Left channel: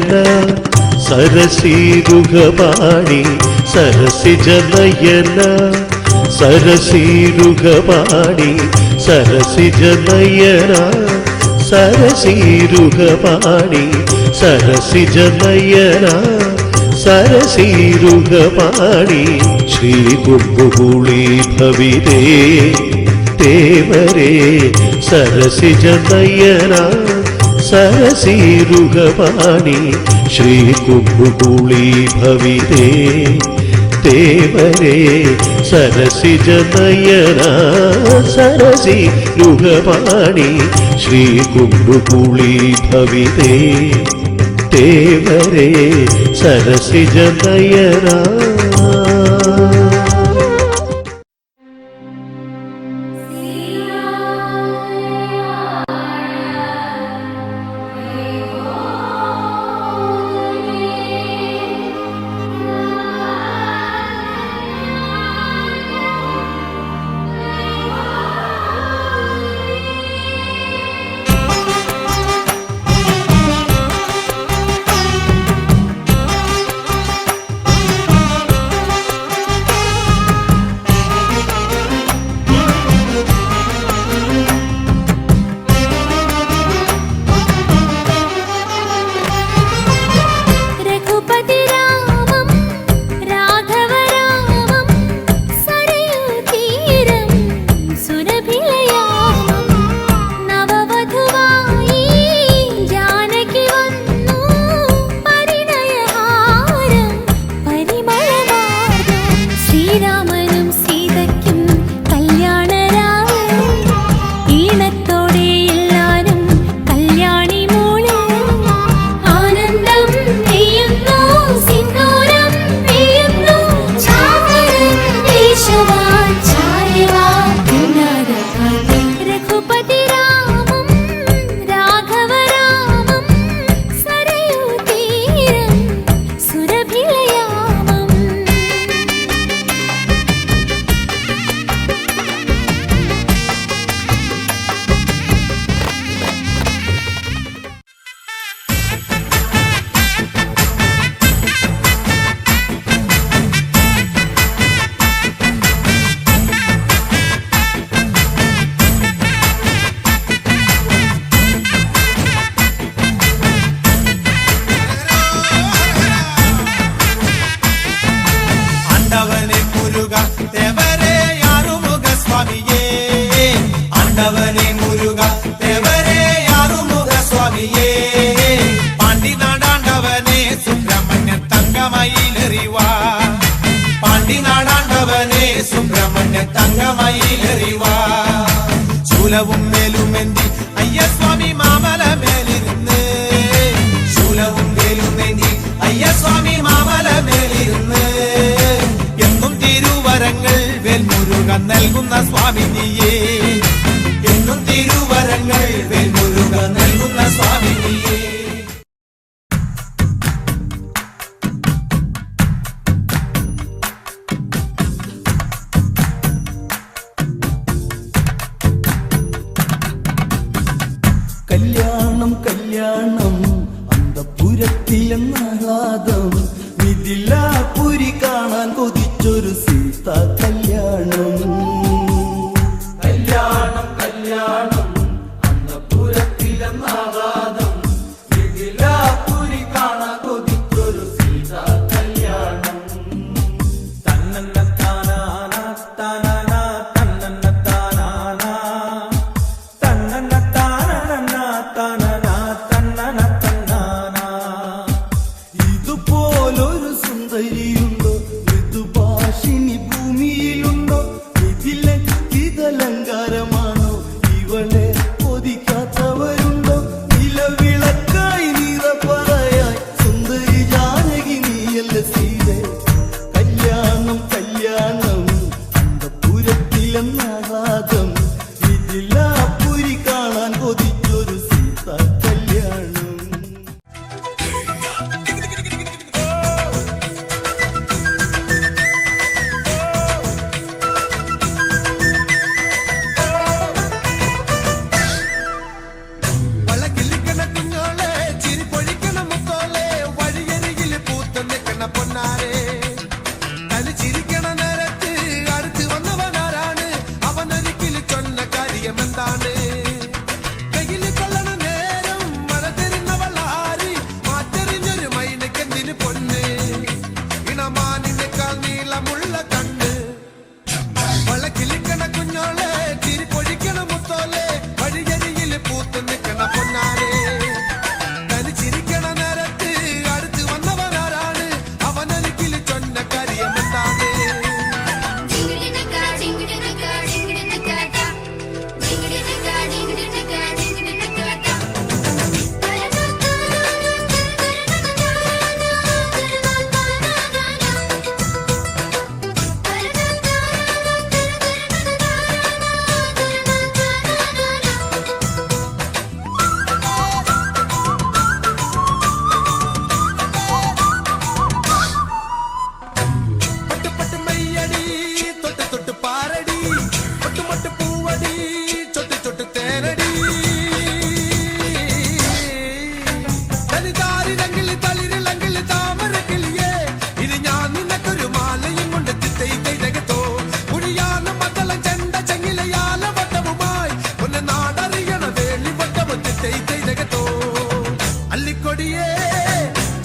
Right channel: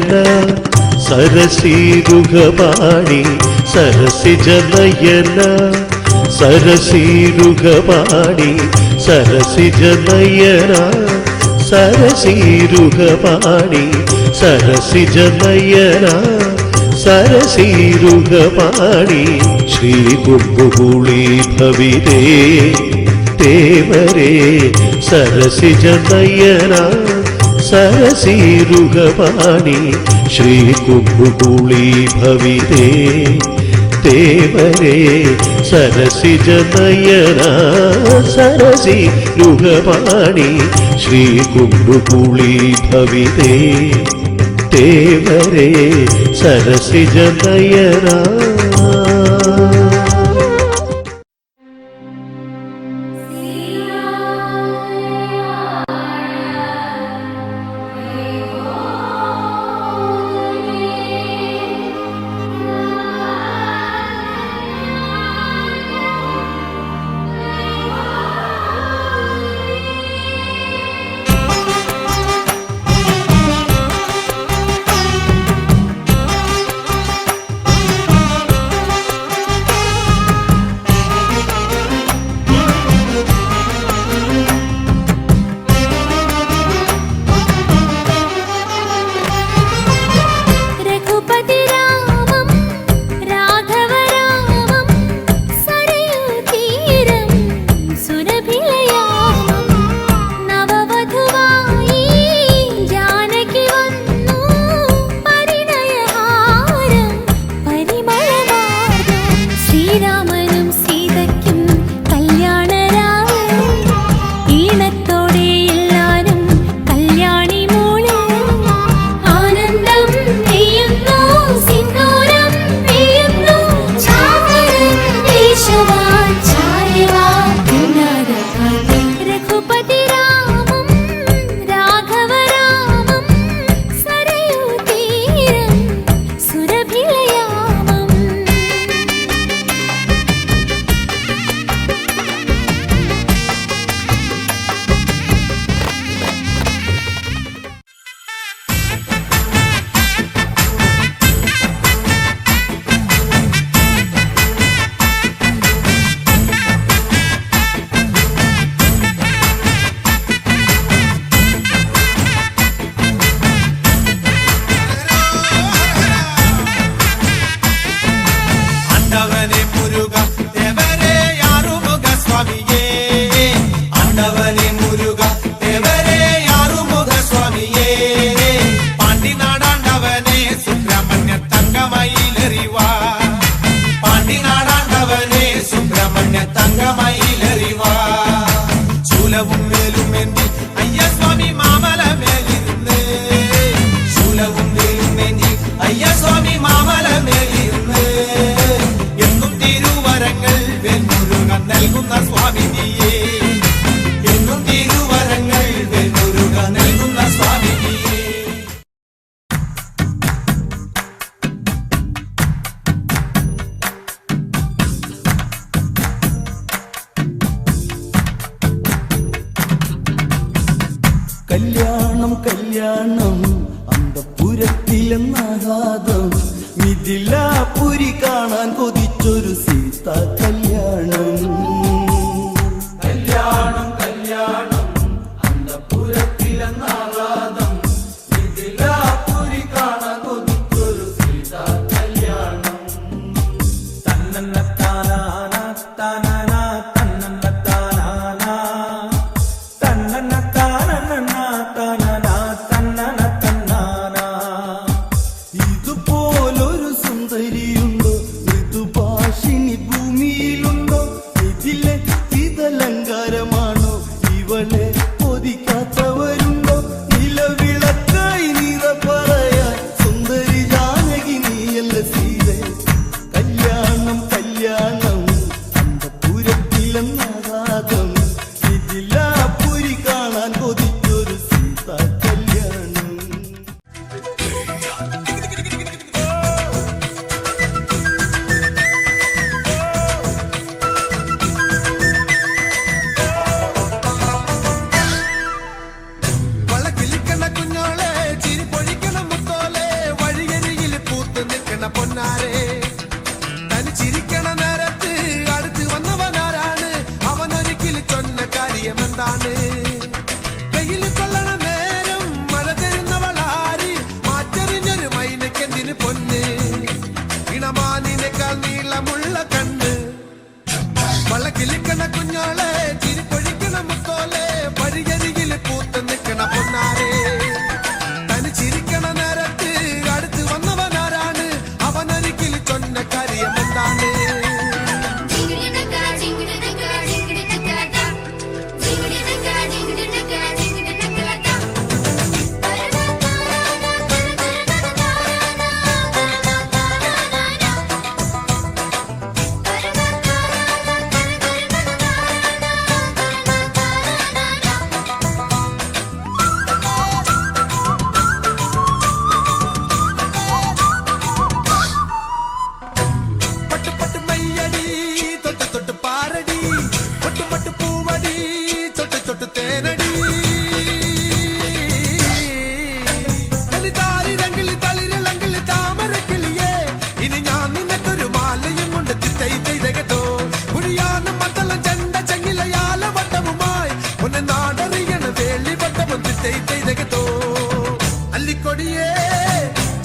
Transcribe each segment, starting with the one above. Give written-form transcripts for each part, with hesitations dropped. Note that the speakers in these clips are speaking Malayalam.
നയന സരസീരുഹപാണി സരസിജ നയന സരസീരുഹപാണി സരസിജ നയന സരസീരുഹപാണി സരസിജ നയന സരസീരുഹപാണി ശ്രീ കുംഭുകുളി ഭവിതേ തേവരേ സരസിജ നയന സരസീരുഹപാണി ശ്രീ കുംഭുകുളി ഭവിതേ തേവരേ സരസിജ നയന സരസീരുഹപാണി ശ്രീ കുംഭുകുളി ഭവിതേ തേവരേ സരസിജ നയന. കല്യാണം കല്യാണം അന്തപുരത്തിലെന്നാകാതം മിഥിലാപുരി കാണാൻ കൊതിച്ചൊരു സീത കല്യാണം. കല്യാണം കല്യാണം അന്തപുരത്തിലെന്നാകാതം മിഥിലാപുരി കാണാൻ കൊതിച്ചൊരു സീത കല്യാണം. തന്നന്ന താനാന താനാന തന്നന്ന താനാന തന്നന്ന താനന താനന തന്നന തന്നാന. ഇതുപോലൊരു സുന്ദരിയുണ്ടോ, ഇതുപോലൊരു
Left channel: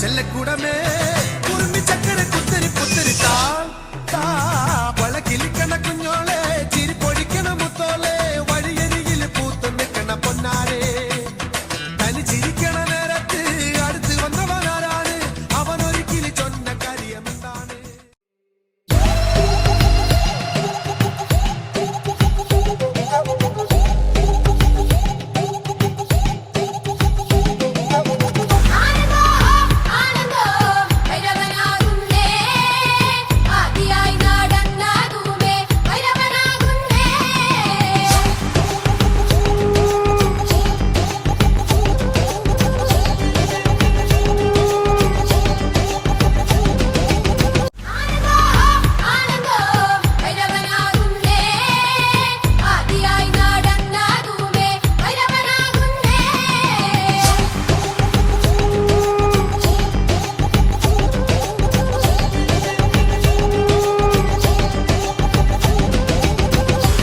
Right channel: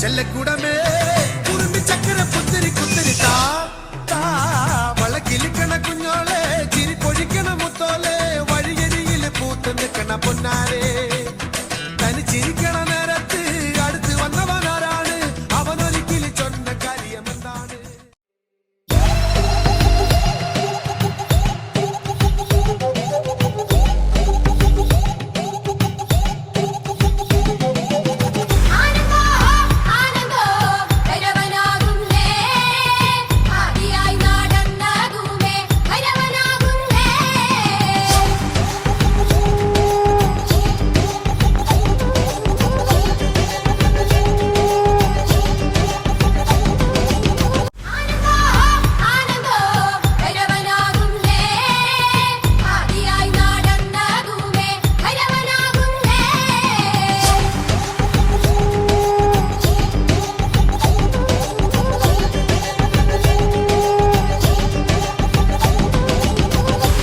ചെല്ലക്കൂടമേ ചക്കര പുത്തരി പുത്തരി വളക്കിലിക്കണ കുഞ്ഞോളെ ചിരി പൊഴിക്കണ മുത്തോളെ വഴിയരികിൽ പൂത്തൊടുക്കണ പൊന്നാരെ തനിച്ചിരിക്കണ നേരത്ത് അടുത്ത് വന്നവനാരാണ് അവനൊരിക്കൽ ചൊന്ന കാര്യമെന്നാണ്.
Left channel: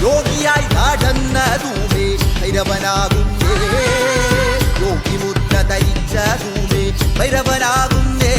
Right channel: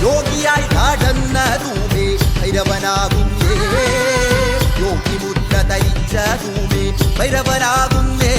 യോഗിയായി നടന്നതുമേ ഭൈരവനാകുന്നേ, യോഗിമുദ്ര ധരിച്ചതുമേ ഭൈരവനാകുന്നേ.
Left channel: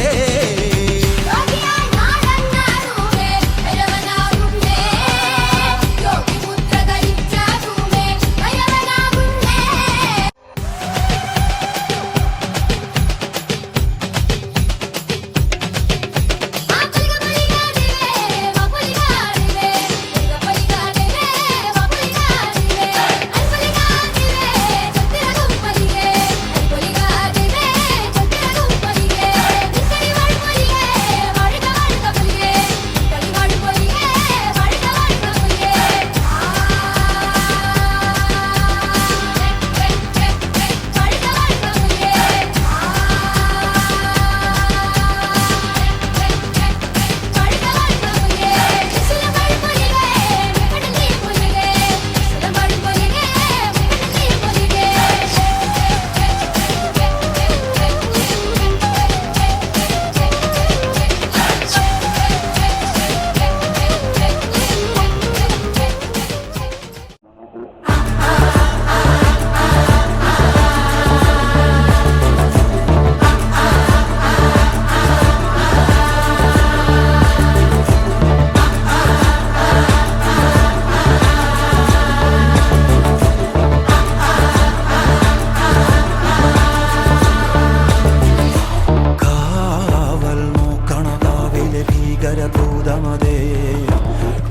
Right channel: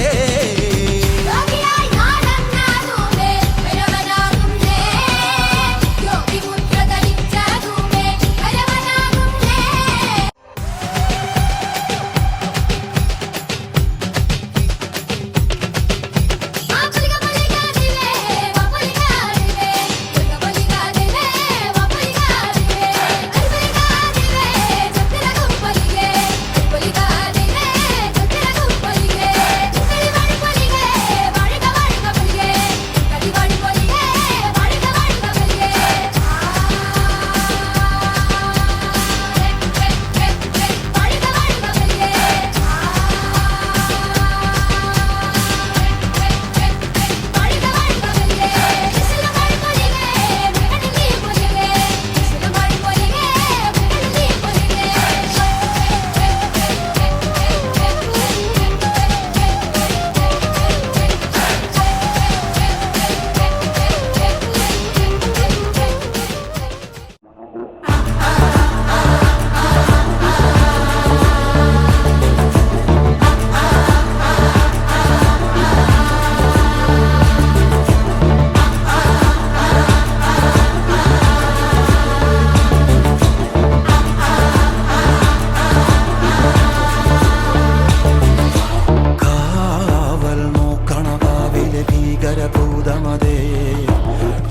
ഭീകരഭൂതമതേ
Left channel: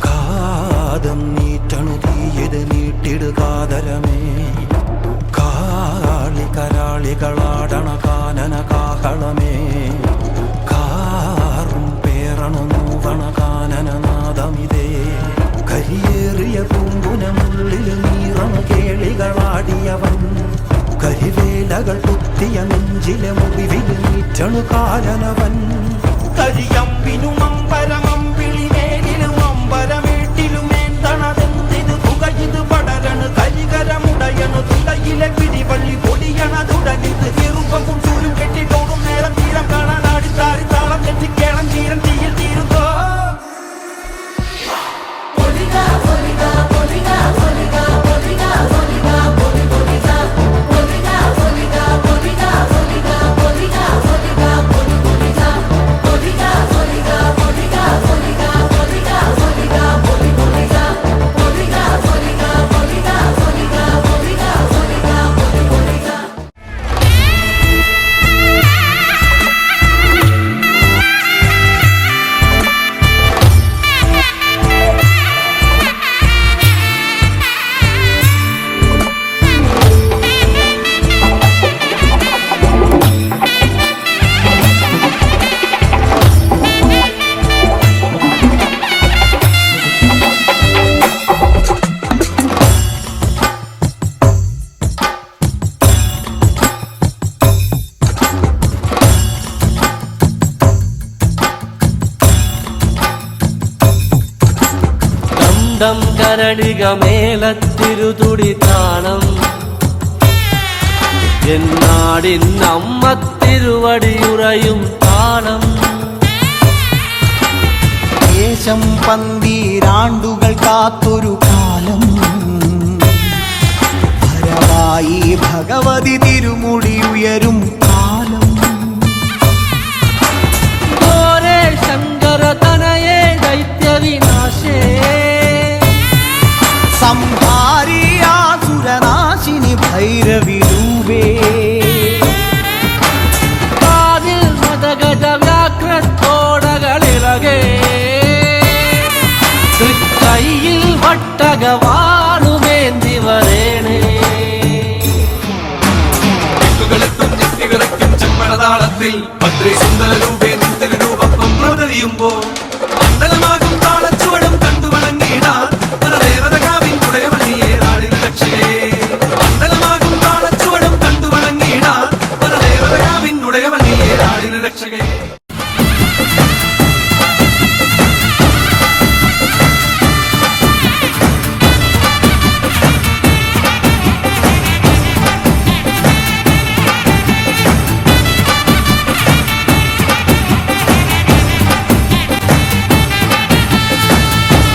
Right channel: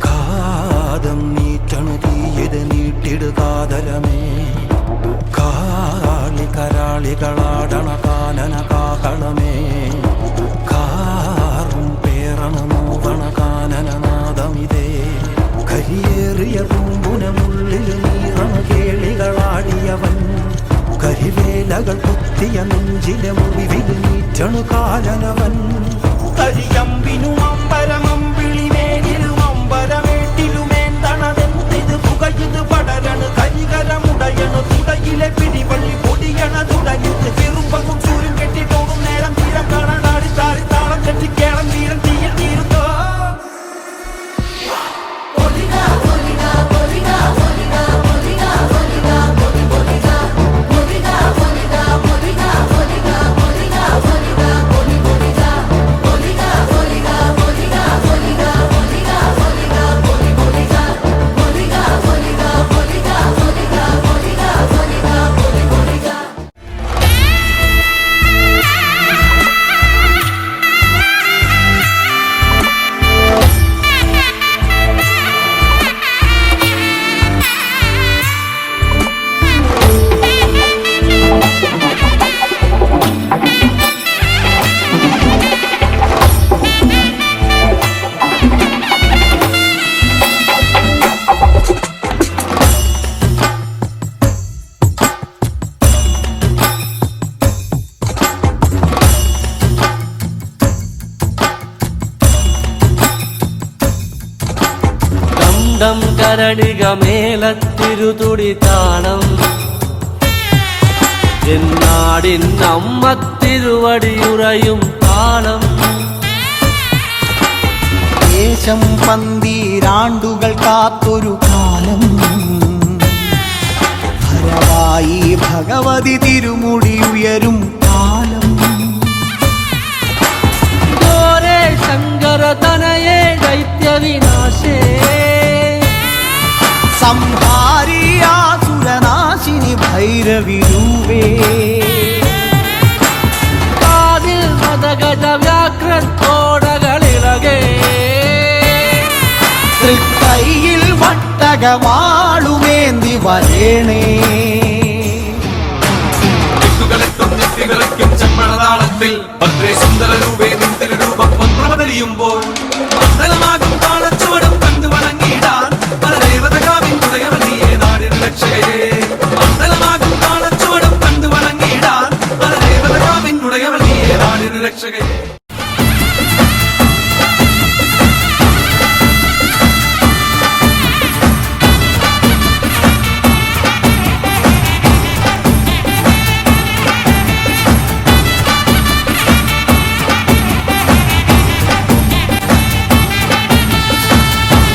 കാതം നീറ്റണു തീയത് നീട്ടിടുകാതരമേ, കാളി കരാളികളാടണ കാനന കാഹളമേ, കാറും പേറണ നോവണ കാനനനാദമിതേ. കരിയേറിയ പൂമ്പുനമുള്ളിൽ നീറണ കേളികളാടിയവൻ, കരിവേലകൾ കുത്തിയ നെഞ്ചിലെ മുറിവിൽ നീറ്റണു കാലനവൻ. കരിയമ്പിനും അമ്പരമമ്പിളിമേലിലും അമ്പരമേട്ടിലുമേന്തണതെന്തിത് പുകയിത് പടരണു കരികരമുടയണു തുടയിലെ പിടിവള്ളി പൊടിയണ തുടങ്ങിത് ചെറുപ്പവും സൂര്യം കെട്ടിട്ടോടും നേരം തീരം കാണാൻ ആടിത്താറി താളം കെട്ടിക്കേളം തീരം തീയിൽ തീരുന്നോ. കണ്ടം കരളിക മേലത്തിരുതുടി താളം, എന്നാടിൻ അമ്മത്തിരുവടിയുറയും താളം. ദേശം പന്തീരാണ്ടുകൾ കാത്തൊരു കാലം, ഭരവായി ഭഗവതി തിരുമുടി ഉയരും കാലം. തനയേ ദൈത്യവിനാശേ സംഹാരിയാസുരനാശിനി ഭൈരവിരൂപേ കാതിൽ മദഗജ വ്യാഘ്രത്തോടകളിളകേ തൃക്കൈയിൽ വട്ടകവാളുവേന്തി വരേണേ ചെമ്പഴതാളത്തിൽ ഭദ്രേ സുന്ദര രൂപേ നിത്യരൂപം പ്രവതരിയുമ്പോൾ മണ്ഡലമാകും താളച്ചുവടും കണ്ടു വണങ്ങിയിടാൻ പരദേവതകാവിൻ ഉടയവള്ളിയെ നാടിൻ രക്ഷകേ മണ്ഡലമാകും താളച്ചുവടും കണ്ടു വണങ്ങിയിടാൻ പരദേവതകാവിൻ ഉടയവള്ളിയെ നാടിൻ രക്ഷകേ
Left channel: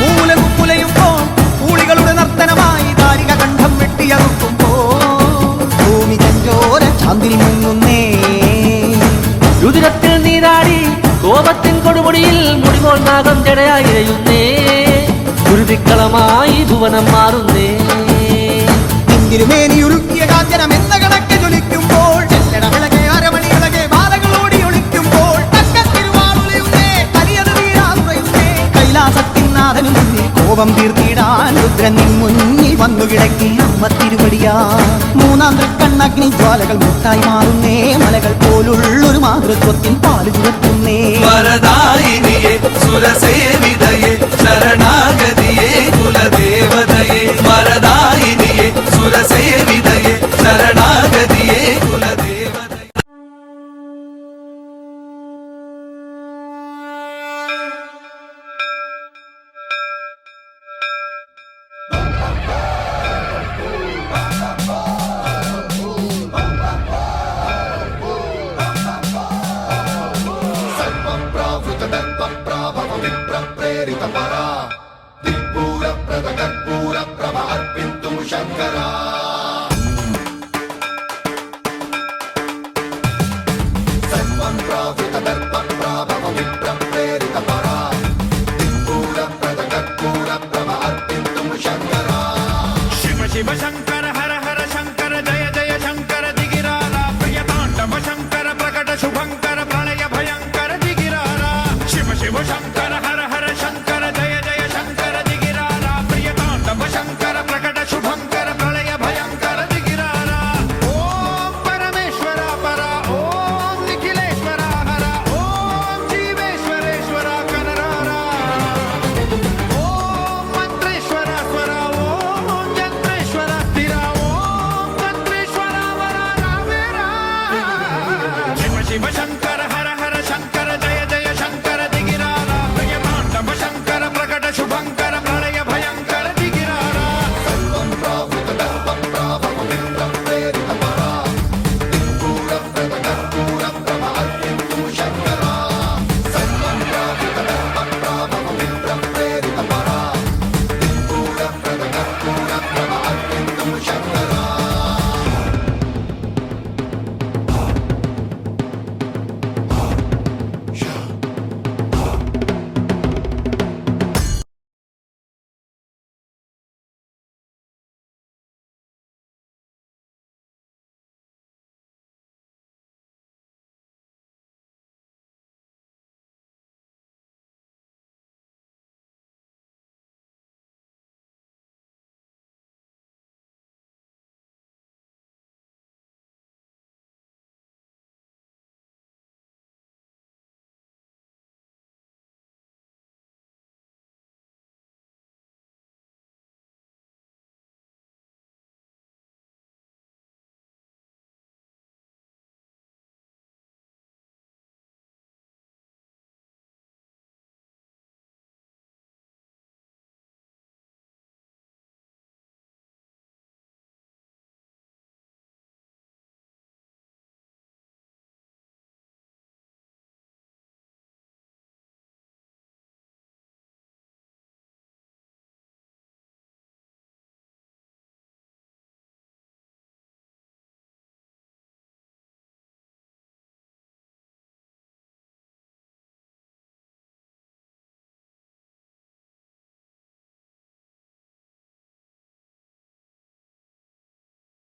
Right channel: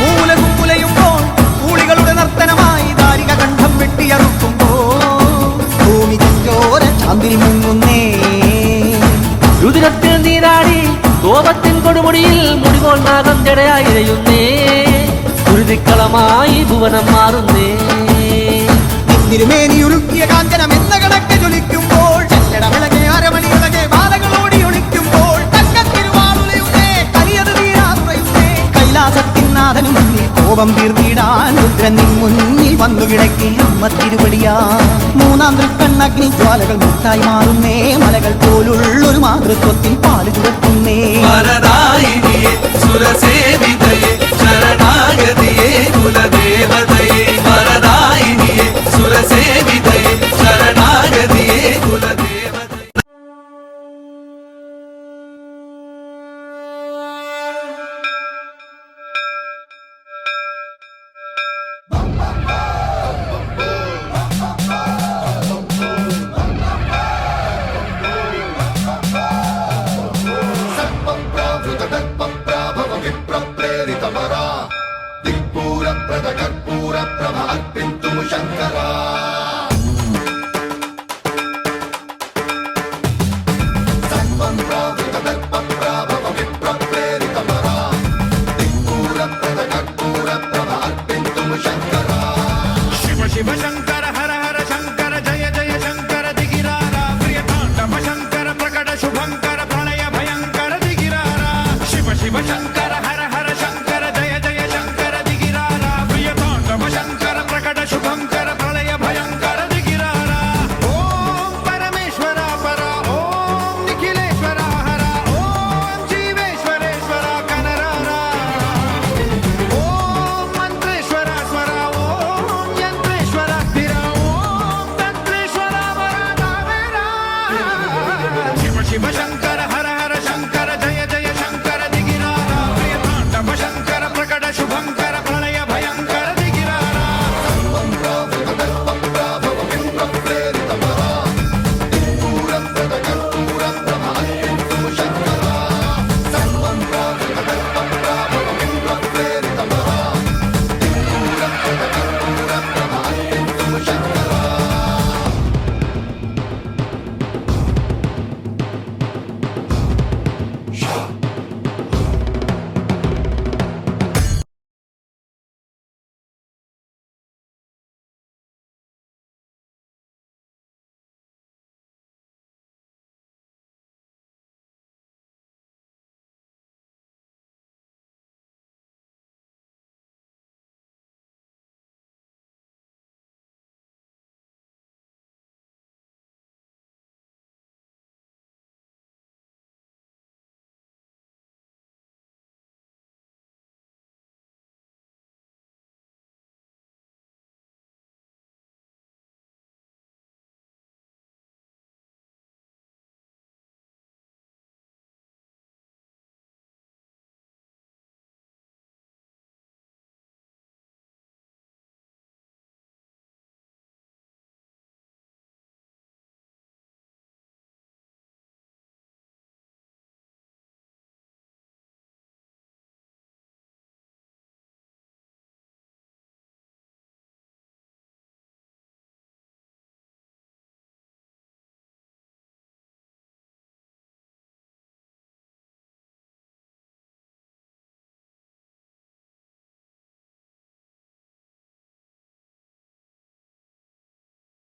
മൂലകുമുലയുമ്പോൾ കൂളികളുടെ നർത്തനമായി ദാരിക കണ്ഠം വെട്ടിയറുക്കുമ്പോൾ ഭൂമി ചഞ്ചോര ചാന്തിൽ മുങ്ങുന്നേ രുതിരത്തിൽ നീരാടി കോപത്തിൻ കൊടുമുടിയിൽ മുടിപോൽ നാഗം ജടയായി ഇഴയുന്നേ കുരുതിക്കളമായി ഭുവനം മാറുന്നേ നിന്തിരുമേനിയുരുക്കിയ കാഞ്ചനം എന്ന കണക്ക് ജ്വലിക്കുമ്പോൾ ചെല്ലട വിളകെ അരമണികളെ ബാധകളോടി ഒളിക്കുമ്പോൾ തക്കത്തിരുവാളുലയുന്നേ കലിയത് തീരാതുറയുന്നേ കൈലാസത്തിനാഥനു മുന്നിൽ കോപം തീർത്തിടാൻ രുദ്രൻ നിൻ മുന്നിൽ വന്നു കിടക്കേ അമ്മ തിരുവടിയാ മൂന്നാം തൃക്കണ്ണഗ്നി ജ്വാലകൾ മുട്ടായി മാറുന്നേ മലകൾ പോലുള്ളൊരു മാതൃത്വത്തിൻ പാല് ചുരത്തുന്നേ വരദായിനിയേ സുരസേവിതയേ ശരണാഗതിയേ കുലദേവതയേ വരദായിനിയേ സുരസേവിതയേ ശരണാഗതിയേ കുലദേവതയേ शिव शिव शंकर हर हर शंकर जय जय शंकर दिगिरारा प्रिय तांडव शंकर प्रकट शुभंकर प्रणय भयंकर दिगिरारा शिव शिव शंकर